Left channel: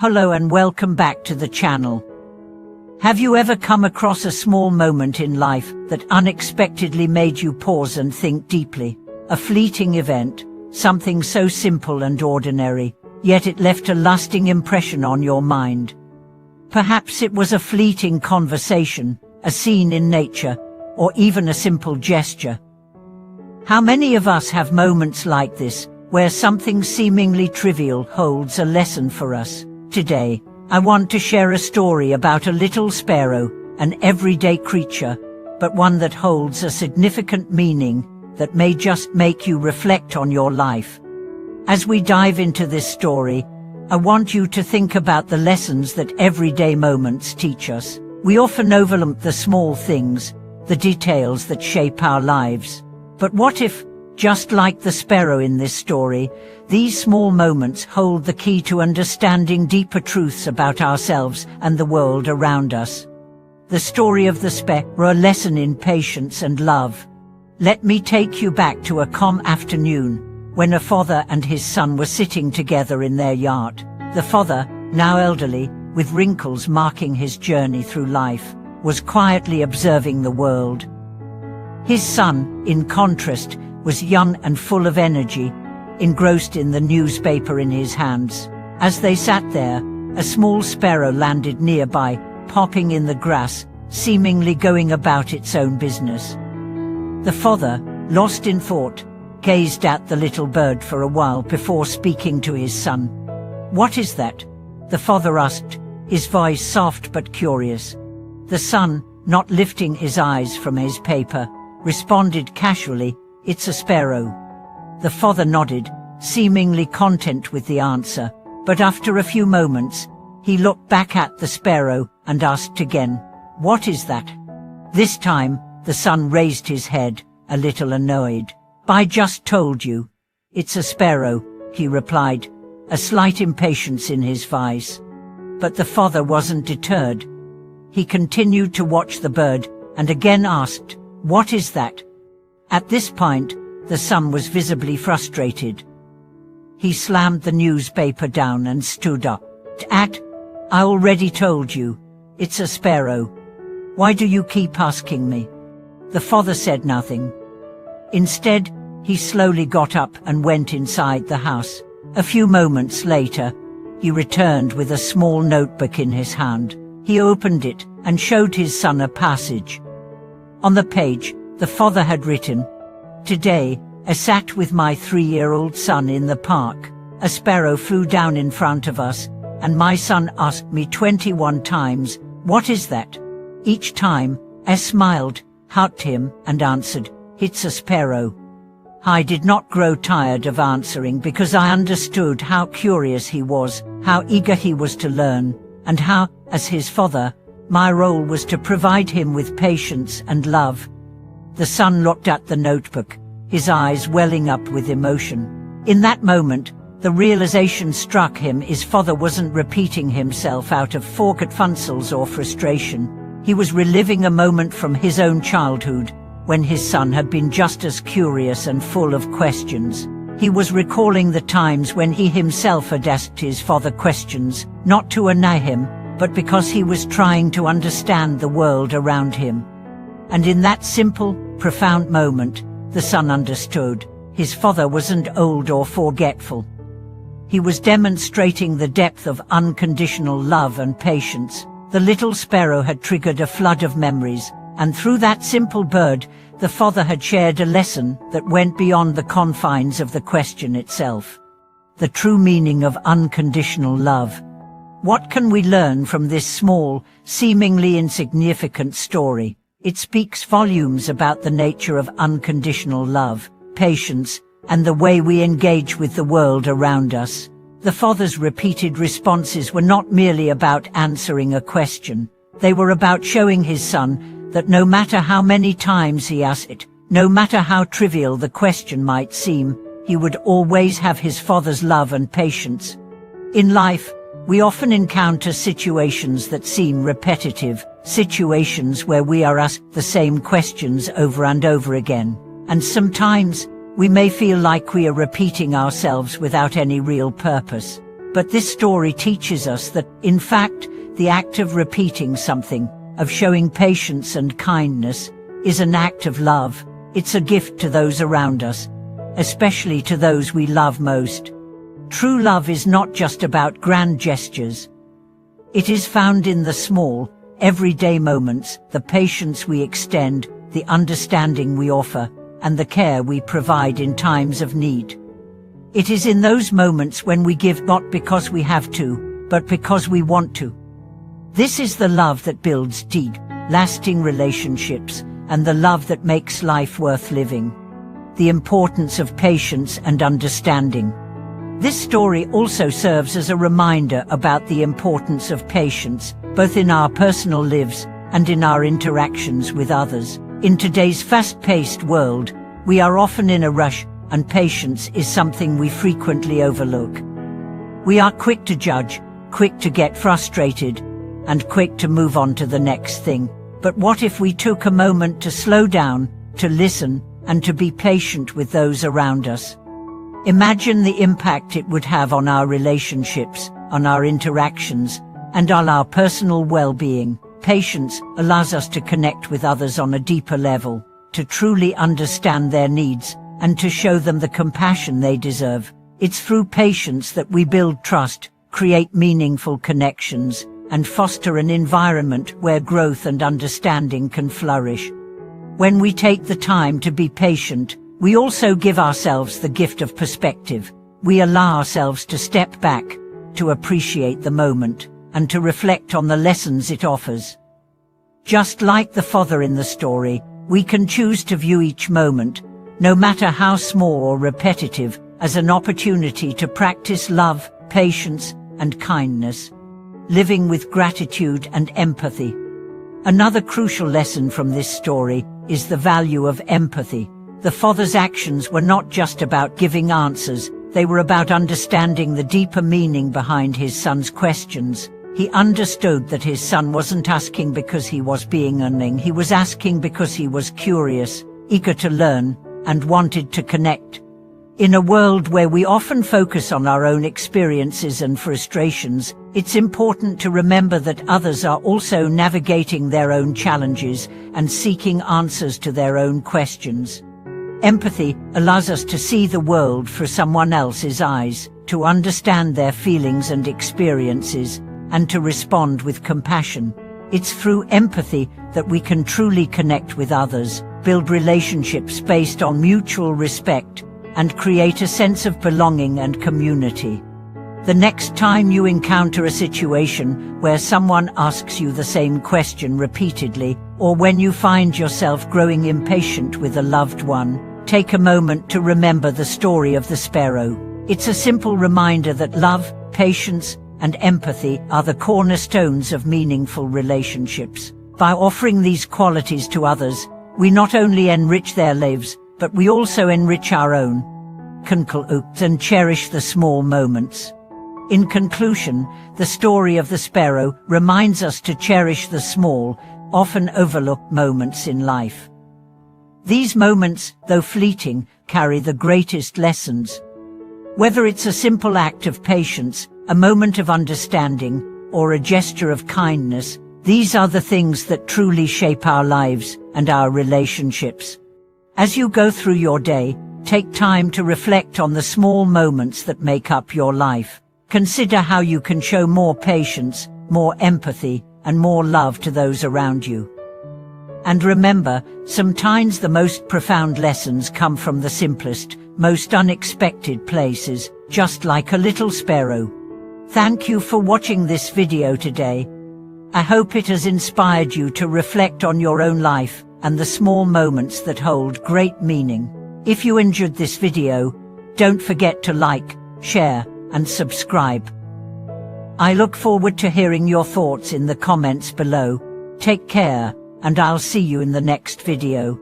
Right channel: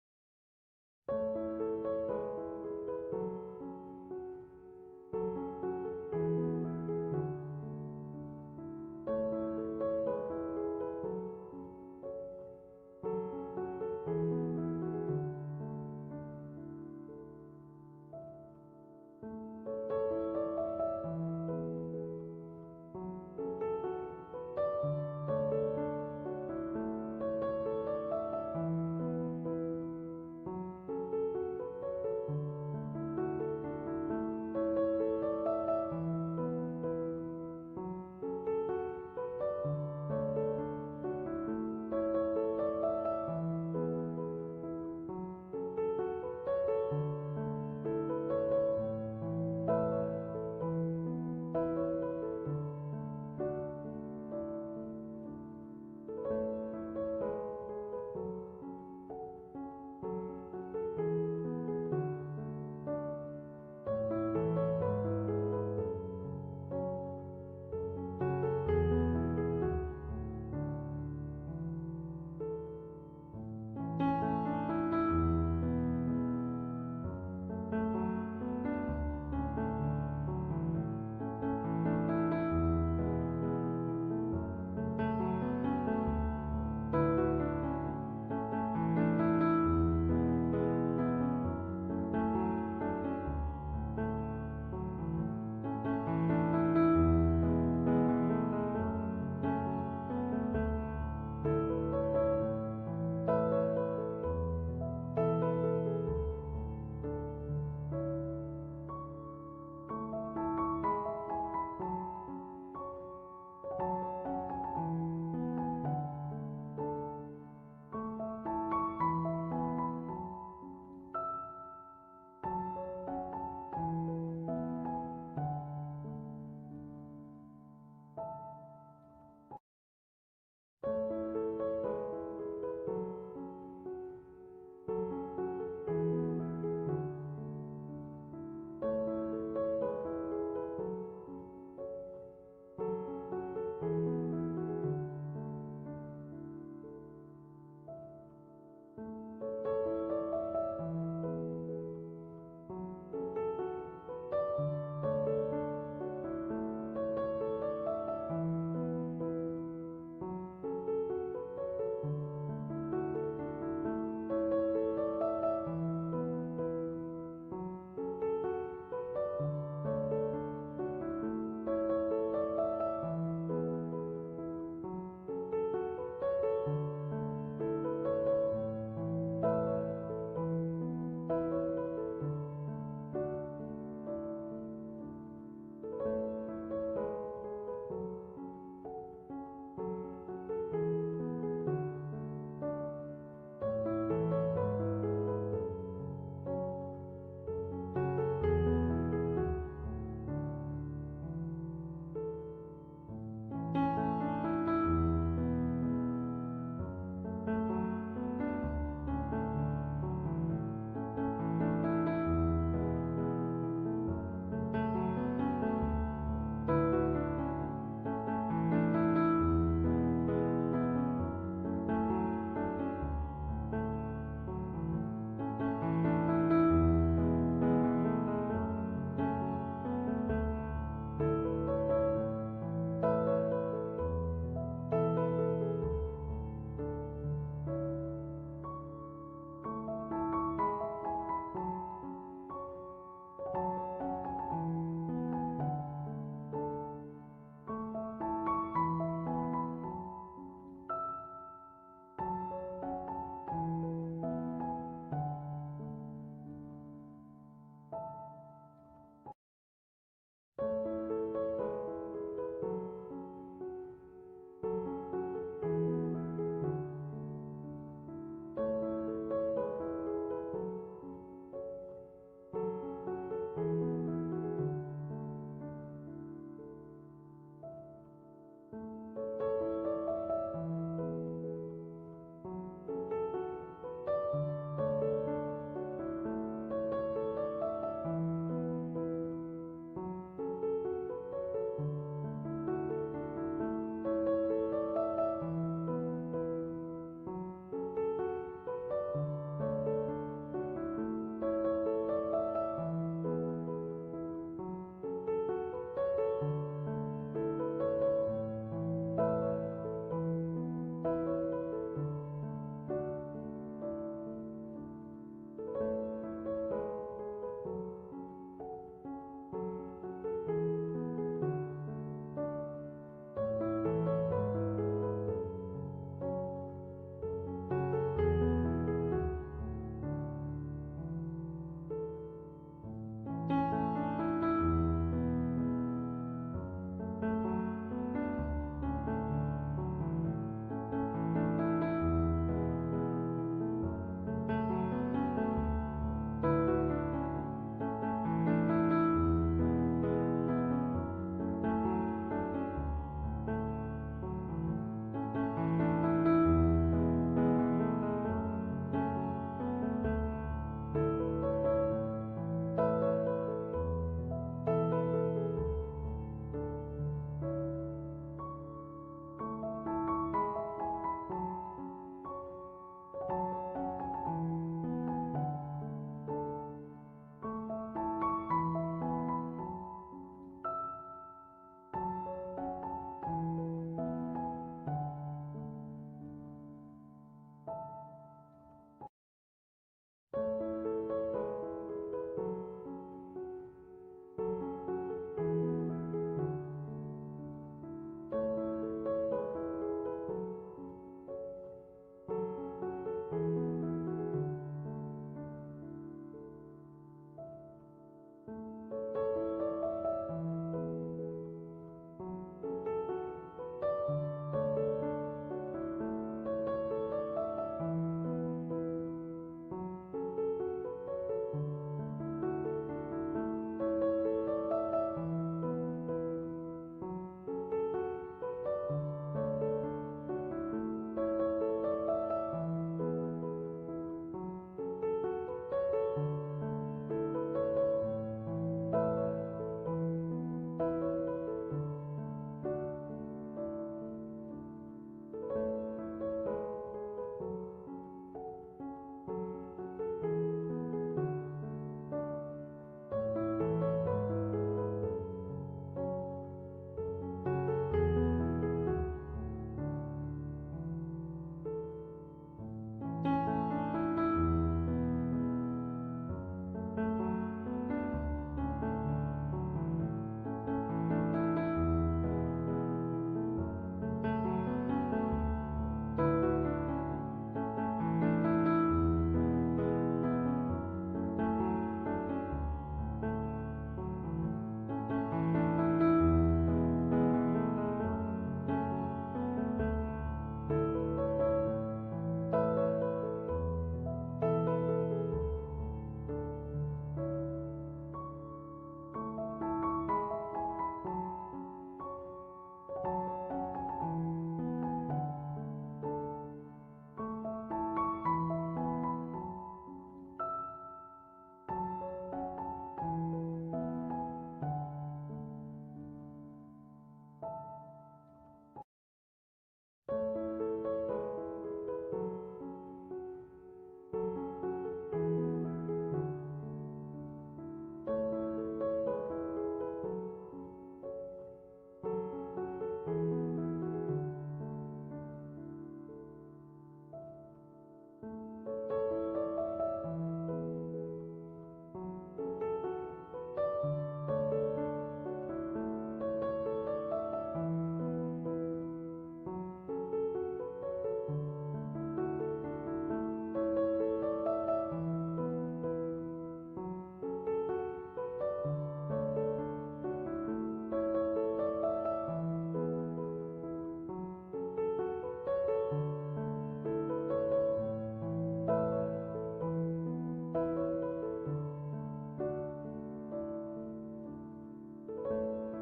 Hello and welcome back to the channel. Have you ever come across a small moment in life that unexpectedly made you pause and think deeply? A fleeting event, something so simple and ordinary, yet it left a lasting impression on your mind. Perhaps it was a fleeting conversation, a scene in nature, or even a simple gesture. How many of us have moments like this, where something seemingly trivial holds a lesson for us? Today, I want to share a story about a little sparrow, an everyday creature, but one that holds a significant meaning that may just make you reflect on your life. As we dive into this story, I want you to think about the lessons that everyday moments teach us. We often overlook the small things, the details that shape our lives. But what if, just like the sparrow in this story, these small moments hold the key to understanding deeper truths about ourselves and the world around us? The story of the sparrow, a lesson in patience and love. Let me take you back to a calm afternoon, when a father and his son were sitting together in their yard. The father, now elderly, with wrinkles marking his journey through life, was quietly observing the world. His son, in contrast, was young and full of energy, engrossed in the newspaper in his hands. As they sat there, a small sparrow landed nearby, popping in the grass, seemingly going about its own business. The father, lost in thought, gazed at the little bird for a while before speaking to his son. "What is that?" the father asked, his voice soft but curious. The son, not lifting his eyes from his paper, responded casually, "It's a sparrow." The father nodded, seemingly content with the answer, but after a few moments, he looked back at the sparrow and asked again, "What is that?" This time, the son raised his head, a little annoyed. "I just told you. It's a sparrow," he replied, a slight impatience in his voice. But the father wasn't deterred. He continued to watch the bird and again asked, "What is that?" At this point, the son was visibly frustrated. He slammed the newspaper down and stood up. "I already told you. It's a sparrow. Why do you keep asking me?" The father said nothing. Instead, he slowly got up and went inside the house. A few moments later, he returned with a small notebook in his hand. He opened it and showed his son a passage. On the page, the father had written, "Today, I sat with my 3-year-old son in the park. A sparrow flew down in front of us, and my son asked me 21 times, 'What is that?' Each time, I smiled, hugged him, and answered, 'It's a sparrow.' I did not grow tired of answering because I understood how curious he was, how eager he was to learn, and how, as his father, my role was to provide him with patience and love." The son looked at the notebook, his eyes welling up with emotion. In that moment, the realization struck him his father wasn't repeating himself out of forgetfulness or frustration. He was reliving a moment from his own childhood, when his son had been just as curious and full of questions. He was recalling the times when he himself had asked his father questions, not to annoy him, but because he was trying to understand the world around him. And in that simple, profound moment, the son understood. His father wasn't old or forgetful. He was demonstrating the depth of unconditional love and patience. The little sparrow had triggered a flood of memories, and through that simple bird, the father had shared a lesson that went beyond the confines of the question itself. The true meaning of unconditional love. What can we learn from this small, seemingly insignificant story? It speaks volumes about the nature of unconditional love, patience, and the way we engage with the world around us. The father's repeated responses were not merely about answering a question. They were about showing his son that no matter how many times he asked it, no matter how trivial the question might seem, he would always have his father's love and patience. In life, we often encounter situations that seem repetitive, situations where we are asked the same questions over and over again. And sometimes, we may feel like we are repeating ourselves without any real purpose. But this story teaches us that, in fact, the act of repeating something, of showing patience and kindness, is an act of love. It's a gift to those around us, especially to those we love most. True love is not just about grand gestures. It is found in the small, everyday moments, the patience we extend, the understanding we offer, and the care we provide in times of need. It is in those moments when we give not because we have to, but because we want to. This is the love that builds deep, lasting relationships, and the love that makes life worth living. The importance of patience and understanding. This story also serves as a reminder about the importance of patience, both in our personal lives and in our interactions with others. In today's fast-paced world, we are often in a rush, and patience is something we frequently overlook. We are quick to judge, quick to get frustrated, and quick to move on to the next thing. But what if we took a moment to slow down, to listen, and to be patient with those around us? Imagine the impact it would have on our relationships, on our interactions, and on our personal well-being. Patience allows us to connect with others on a deeper level, to truly understand their needs, and to show them the compassion they deserve. It's through patience that we build trust, create meaningful connections, and foster an environment where growth and understanding can flourish. When we take the time to be patient, we also give ourselves the gift of perspective. We allow ourselves to step back, to appreciate the moment, and to reflect on the lessons it offers. Just like the father in the story, we can choose to view each moment, no matter how small or repetitive, as an opportunity to practice love, patience, and kindness, living with gratitude and empathy. Another crucial lesson from this story is the value of empathy. The father's actions were not just about giving answers, they were about understanding the deeper meaning behind his son's questions. He understood that his son wasn't asking because he was being annoying, he was asking because he was curious, eager to learn, and wanted to connect. In a world where we often focus on our own experiences and frustrations, it's important to remember that others are also navigating their own challenges and seeking answers to their own questions. Empathy allows us to see the world through someone else's eyes, to understand their feelings and experiences, and to respond with compassion. It's through empathy that we can truly connect with others, build relationships based on mutual respect, and create a sense of belonging and community. The next time you encounter a situation where someone asks you the same question repeatedly, or when you find yourself growing impatient with a loved one, take a moment to remember the story of the sparrow. It's a simple reminder that love, patience, and empathy are the cornerstones of meaningful relationships. By offering these qualities to others, we not only enrich their lives, but we also enrich our own. And cherish the small moments. In conclusion, the story of the sparrow reminds us to cherish the small, often overlooked moments in life. These moments, though fleeting, carry the greatest lessons. Whether it's a simple act of patience, a moment of understanding, or a gesture of kindness, these are the things that truly shape our lives and our relationships. As you go through your day, take time to reflect on the small moments that make up your life. Consider how you can show more patience, more empathy, and more love to those around you. And remember, sometimes the most profound lessons come from the simplest, most unexpected places, just like a little sparrow. Thank you for watching this video today. I hope it has inspired you to reflect on your own life and the small moments that hold great meaning. If you enjoyed this video, don't forget to like, share, and subscribe. I look forward to hearing your thoughts in the comments below. Take care, and I'll see you in the next video.